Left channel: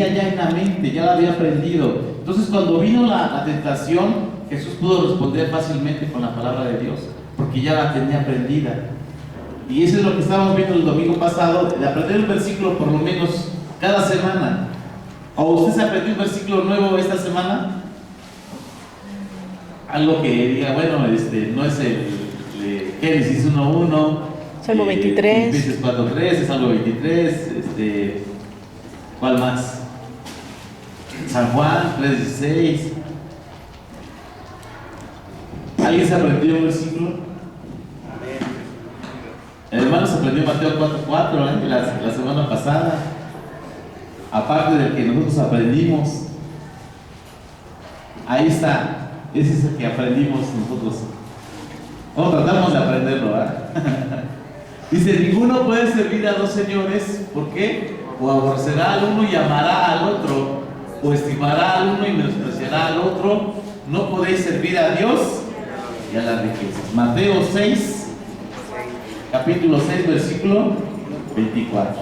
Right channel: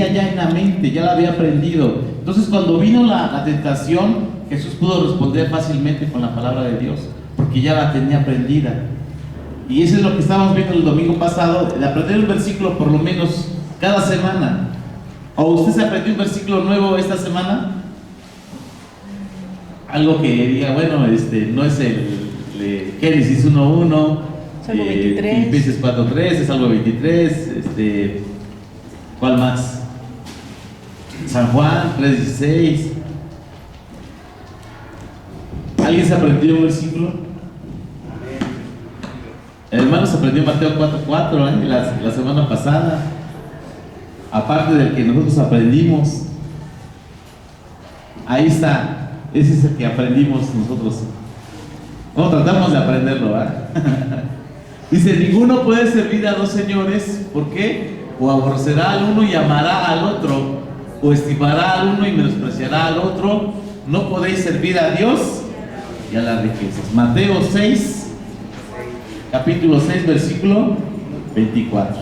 tenía ya en la mente, ya la había aprendido. Entonces cuando vino la tentación, Jesús pudo responder fácilmente con la palabra de Dios, porque ya la tenía aprendida. Y eso es lo que estábamos viendo el domingo pasado, de aprender un versículo por lo menos cada semana. ¿O usted se aprendió un versículo nuevo esta semana? Algo que diga, bueno, no es el Génesis 1:1, Salmo 23, Filipenses 4:3, Salmo 23, ¿cuál más? San Juan 3:16. ¿Alguien se aprendió un versículo? El hermano se aprendió Mateo 4:4 la semana pasada, aparte del que nosotros aprendimos. Ahí está, ese es el que aprendimos nosotros. Bueno, tratamos de aprenderlo, ¿verdad? Dice, ninguno puede servir a dos señores. ¿Por qué? O aborrecerá al uno y amará al otro, o estimará al uno y menospreciará al otro. No podéis servir a Dios y a las riquezas. Mateo 6, capítulo 6, versículo 24.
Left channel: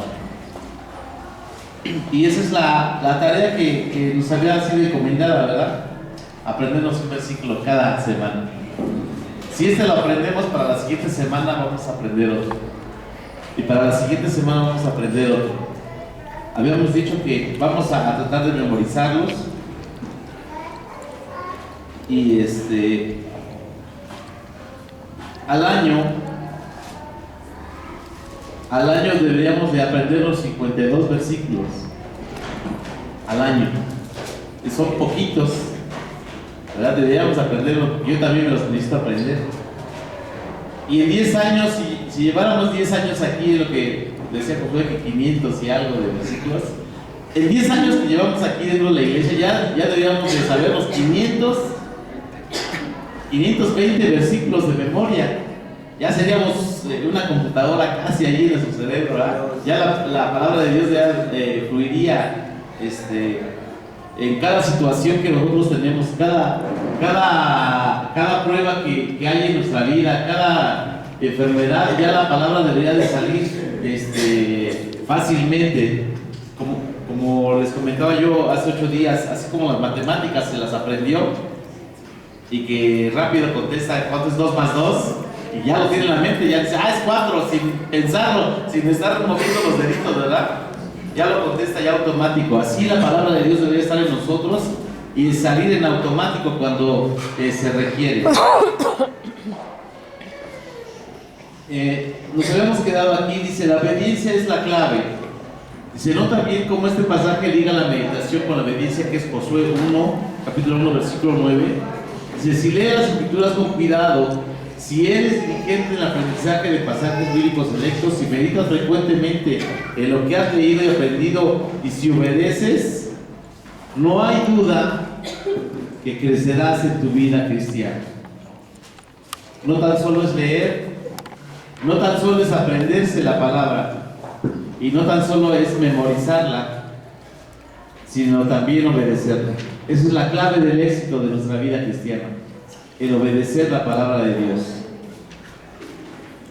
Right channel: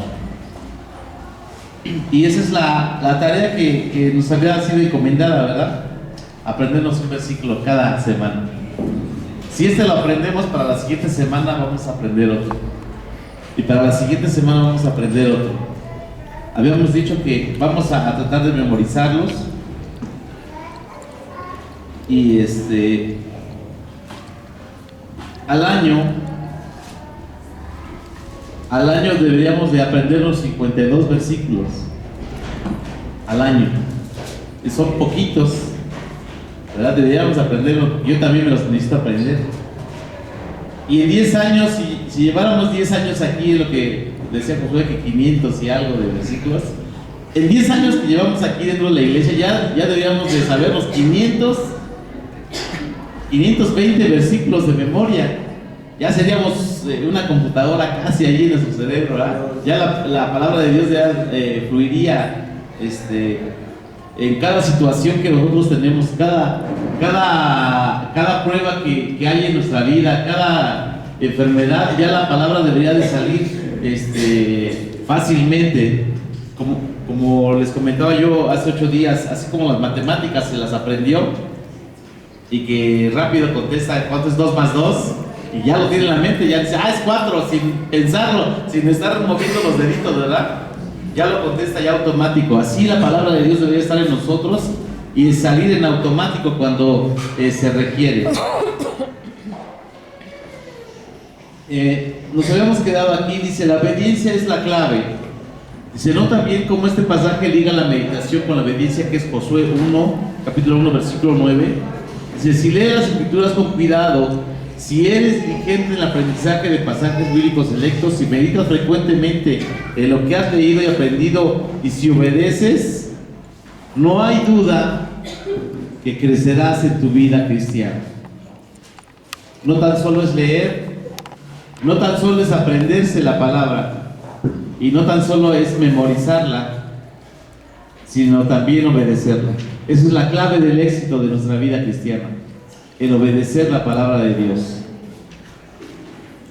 Y esa es la tarea que nos había sido encomendada, ¿verdad? Aprendernos un versículo cada semana. Si lo aprendemos, para la siguiente semana vamos a aprender otro. Y para la siguiente semana vamos a aprender otro. Habíamos dicho que vamos a tratar de memorizarlos. Y al año deberíamos de aprender los 52 versículos al año. Y son poquitos, ¿verdad? Deberíamos aprenderlo. Yo también me los necesito aprender. Y en 10 años, si lleváramos 10 años aquí, lo que decía Josué, que 500 y algo de versículos, en 10 años que llevamos aquí dentro de la iglesia, ya deberíamos de saber los 520 versículos de memoria. Ya seríamos una computadora casi allí en nuestro cerebro, ¿verdad? Ya la palabra de Dios ya fluiría en cada situación que nosotros tenemos, cada prueba que hay en nuestra vida, cada enfermedad, ya la palabra debería de salir fácilmente. Como les comentaba yo hace 8 días, así como las matemáticas se las aprendió y que rápido contesta cuánto es 2 más 2 y ya lo tiene en la mente, ya dice, es 4, sin pensarlo, sin estar moviendo los deditos, ¿verdad? Ya lo contesta ya automático. Así la palabra de Dios debería estar en nosotros y salir en automático cuando se requiere. Nos habíamos quedado aquí, dice, la obediencia es la clave. Dice, no también como este pasaje liga la meditación con la obediencia, que es Josué 1, capítulo 1, versículo 9. Dice, si lees las escrituras con cuidado, si eres diligente en el aprendizaje de pasajes bíblicos selectos, si meditas frecuentemente en lo que has leído y aprendido, y si obedeces, no hay duda que crecerás en tu vida cristiana. No tan solo es leer, no tan solo es aprenderse la palabra, y no tan solo es memorizarla, sino también obedecerla. Esa es la clave del éxito de nuestra vida cristiana, el obedecer la palabra de Dios.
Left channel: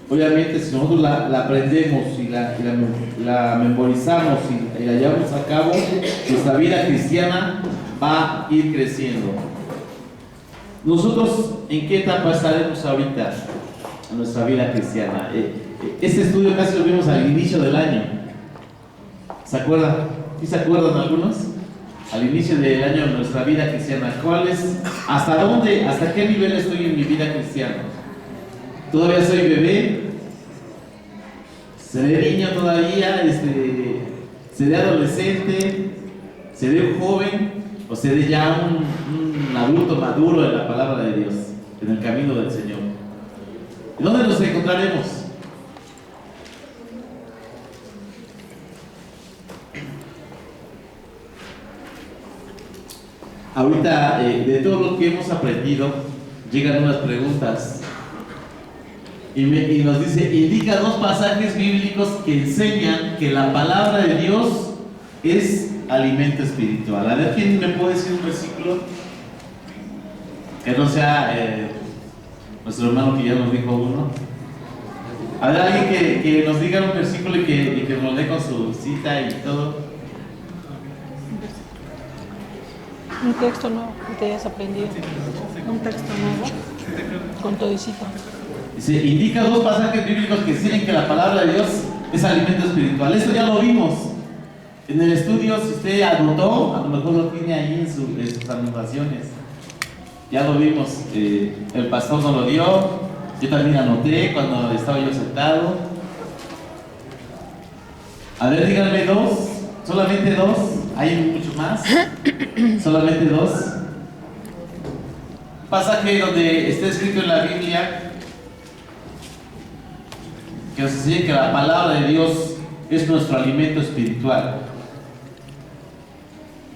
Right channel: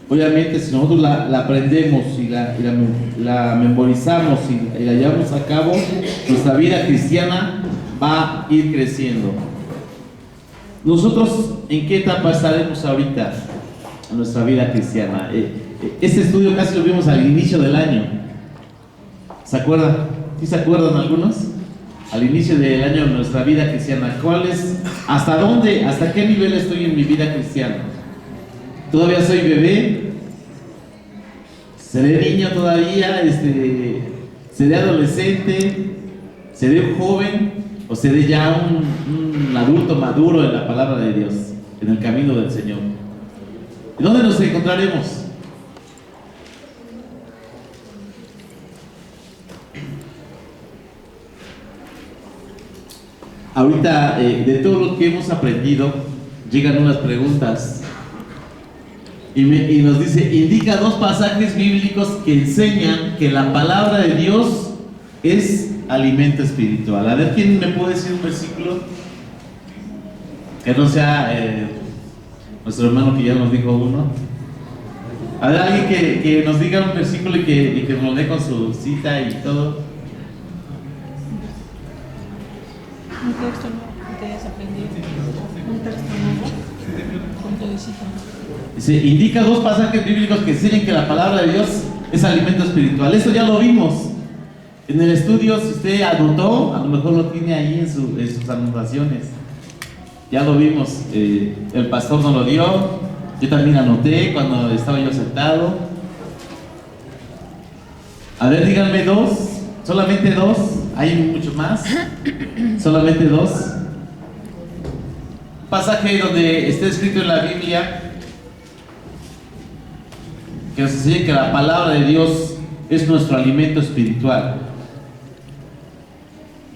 Obviamente, si nosotros la aprendemos y la memorizamos y la llevamos a cabo, nuestra vida cristiana va a ir creciendo. Nosotros, ¿en qué etapa estaremos ahorita en nuestra vida cristiana? Este estudio casi lo vimos al inicio del año. ¿Se acuerdan? ¿Sí se acuerdan algunos? Al inicio del año de nuestra vida cristiana. ¿Cuál es? ¿Hasta dónde? ¿Hasta qué nivel estoy en mi vida cristiana? ¿Todavía soy bebé? ¿Seré niño todavía? ¿Seré adolescente? ¿Seré un joven? ¿O seré ya un adulto maduro en la palabra de Dios, en el camino del Señor? ¿Y dónde nos encontraremos? Ahorita, de todo lo que hemos aprendido, llegan unas preguntas y nos dice, indica 2 pasajes bíblicos que enseñan que la palabra de Dios es alimento espiritual. A ver, ¿quién me puede decir un versículo? Que no sea nuestro hermano que ya nos dijo uno. A ver, alguien que nos diga un versículo y que nos dé con su cita y todo. Un texto nuevo que te hayas aprendido. Un texto nuevo con todicito. Dice, indica dos pasajes bíblicos que dicen que la palabra de Dios es alimento espiritual. Esto ya lo vimos en el estudio. Si usted anotó, a lo mejor lo tiene ahí en sus anotaciones. Ya lo vimos. El pastor nos lo dio. Yo también anoté cuando estaba yo sentado. A ver, díganme dos. Solamente dos. Hay muchos más. Solamente dos. Pasaje donde está escrito en la Biblia que nos enseña que la palabra de Dios es nuestro alimento espiritual.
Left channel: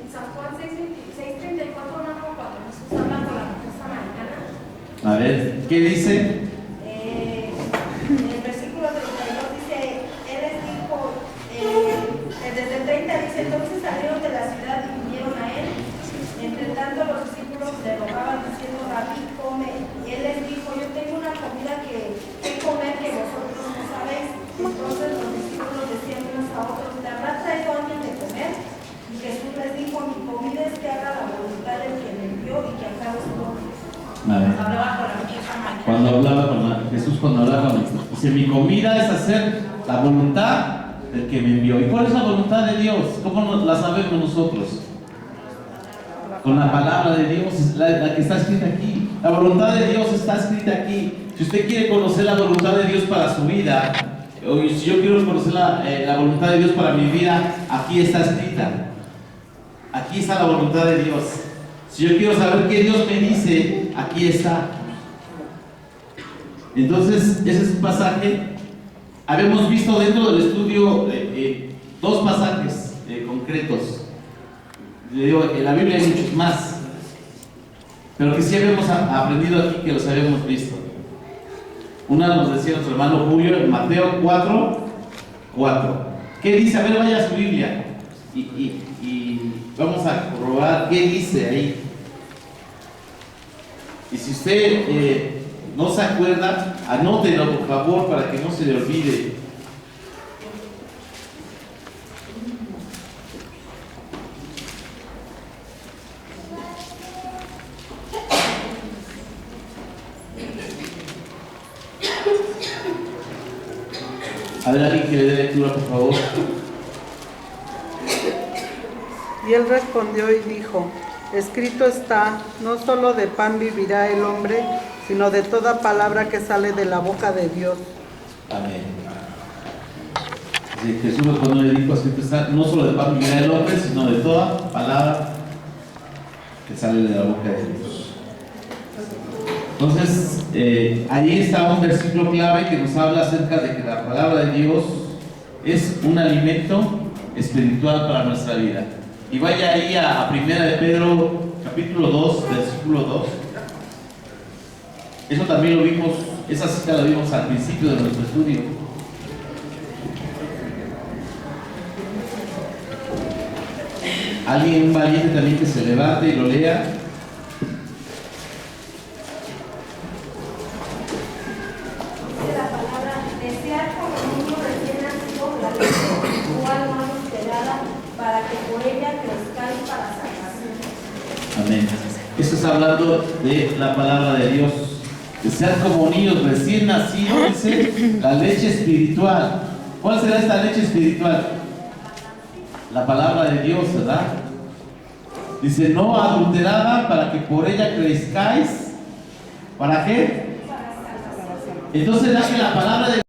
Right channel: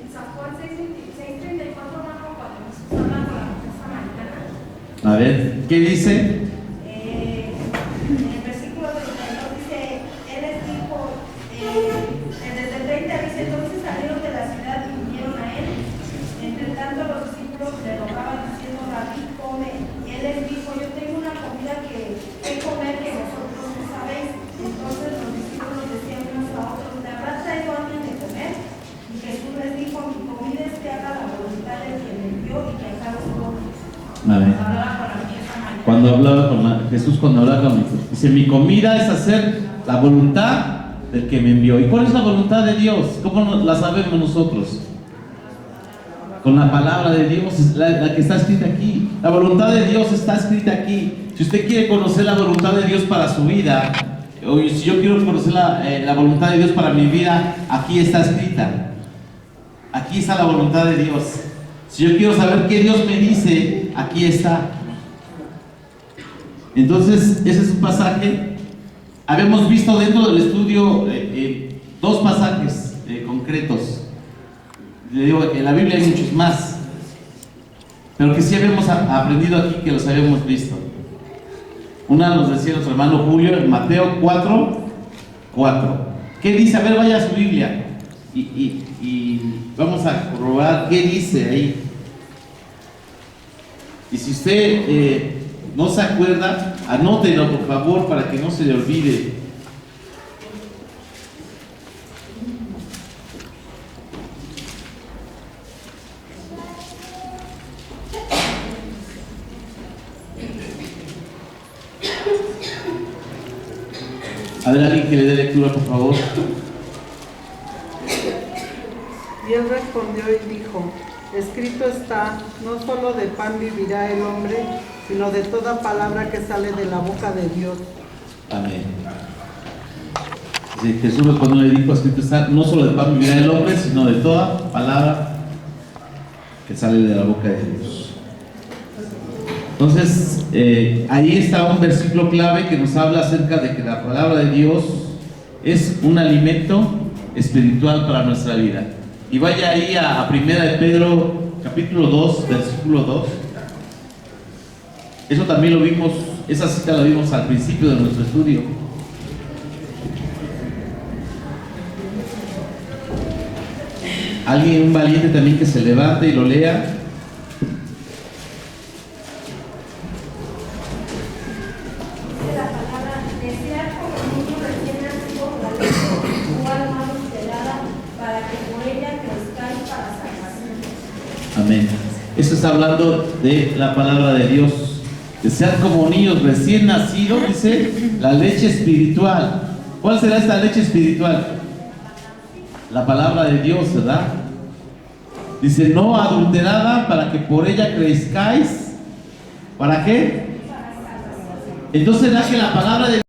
En San Juan 6:34, cuando Jesús habla con la mujer samaritana, A ver, ¿qué dice? en el versículo 32 dice, Él les dijo, desde el 30 dice, entonces salieron de la ciudad y vinieron a Él. Entre tanto los discípulos le rogaban diciendo, Rabí, come. Y Él les dijo, yo tengo una comida que comer que vosotros no sabéis. Entonces los discípulos decían unos a otros, ¿te habrá traído alguien de comer? Y Jesús les dijo, mi comida es que haga la voluntad del que me envió y que acabe su obra. A ver. Hablaba con la mujer samaritana. Cuando hablaba Jesús, cuando hablaba con dice, mi comida es hacer la voluntad del que me envió. ¿Y cuál es la voluntad de Dios? ¿Cómo la sabemos nosotros? Con la palabra de Dios, la que está escrita aquí. La voluntad de Dios está escrita aquí. Si usted quiere conocer la voluntad de Dios para su vida, o si yo quiero conocer la voluntad de Dios para mi vida, aquí está escrita. Aquí está la voluntad de Dios. Si yo quiero saber qué Dios me dice, aquí está. Entonces, ese es un pasaje. Habíamos visto dentro del estudio dos pasajes concretos. Le digo, en la Biblia hay muchos más, pero que sí habíamos aprendido aquí, que los habíamos visto. Una nos decía nuestro hermano Julio en Mateo 4:4. ¿Qué dice? A ver, vaya a su Biblia y vamos a corroborar qué dice ahí. Y si usted no se acuerda, anótelo por favor para que no se le olvide. A ver, alguien que le dé lectura, por favor. Y él respondió y dijo, escrito está, no solo de pan vivirá el hombre, sino de toda palabra que sale de la boca de Dios. Amén. Sí, Jesús cuando le dijo, escrito está, no solo de pan vivirá el hombre, sino de toda palabra que sale de la boca de Dios. Entonces, ahí está un versículo clave que nos habla acerca de que la palabra de Dios es un alimento espiritual para nuestra vida. Y vaya ahí a 1 de Pedro, capítulo 2, versículo 2. Eso también lo vimos, esa cita la vimos al principio de nuestro estudio. Alguien, un valiente también que se levante y lo lea. Dice la palabra, desear como niño recién nacido la leche igual mano pelada para que por ella crezcáis para salvación. Amén. Esto está hablando de la palabra de Dios. Desear como niños recién nacidos, dice, la leche espiritual. ¿Cuál será esta leche espiritual? La palabra de Dios, ¿verdad? Dice, no adulterada, para que por ella crezcáis. ¿Para qué? Entonces, ¿verdad que la palabra de